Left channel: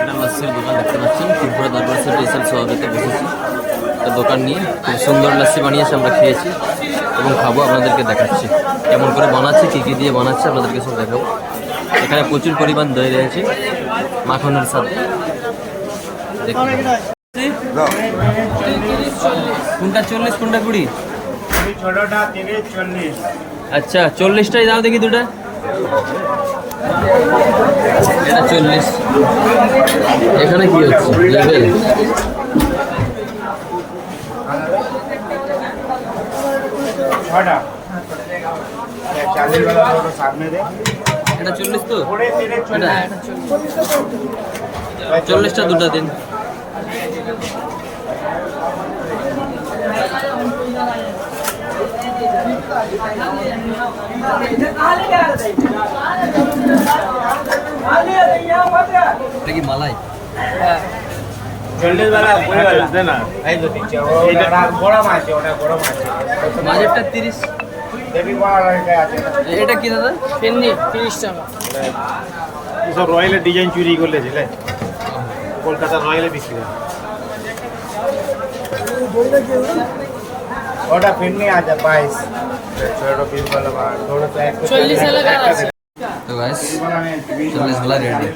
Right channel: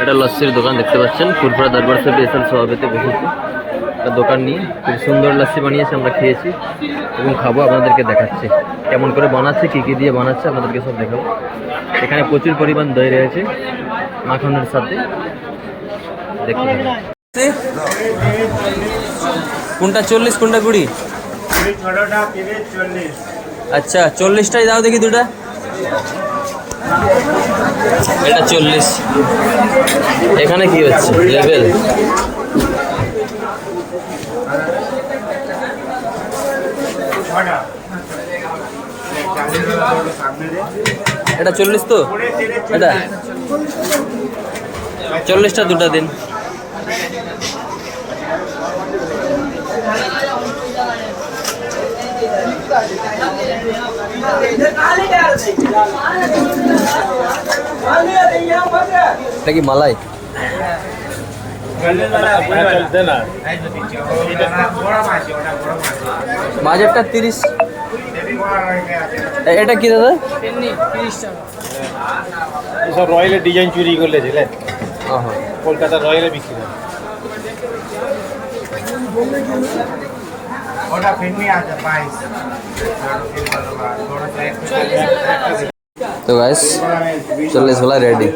এটা লস্যির দোকান দেখতে পাচ্ছেন, ফুরফুরা দরবার সাহেব স্পেশাল সভাপতি বসেছে একটা দোকান নিয়ে। খুব সুন্দর লস্যি বানিয়েছে, আমরা খেয়েছি এবং খাবো, আপনাদেরকে দেখাচ্ছি কেমন করে বানাচ্ছে, কী কী দিয়ে বানাচ্ছে আপনাদেরকে সব দেখাবো। এখানে প্রচুর পরিমাণ দই রয়েছে মাখনের সাথে। দেখুন কোনটা 40 কোনটা 20? আচ্ছা 40টাই দাও দেখি দুটা। এটা 40। এখানে কি হচ্ছে লেভেল? এটা 40 তো, এটা 40টা দুটা দিন। এটা কি মালাই? মাঝেরটা 30। এটা কি দাদা? 30 টাকা। সব রয়্যালের ডিজাইন চুরি করলে ছিলে, কলকাতা রয়্যালে বিক্রি হয়। ওটা ফিরনি আছে 22। तो गाइस 40 वाला रेडी।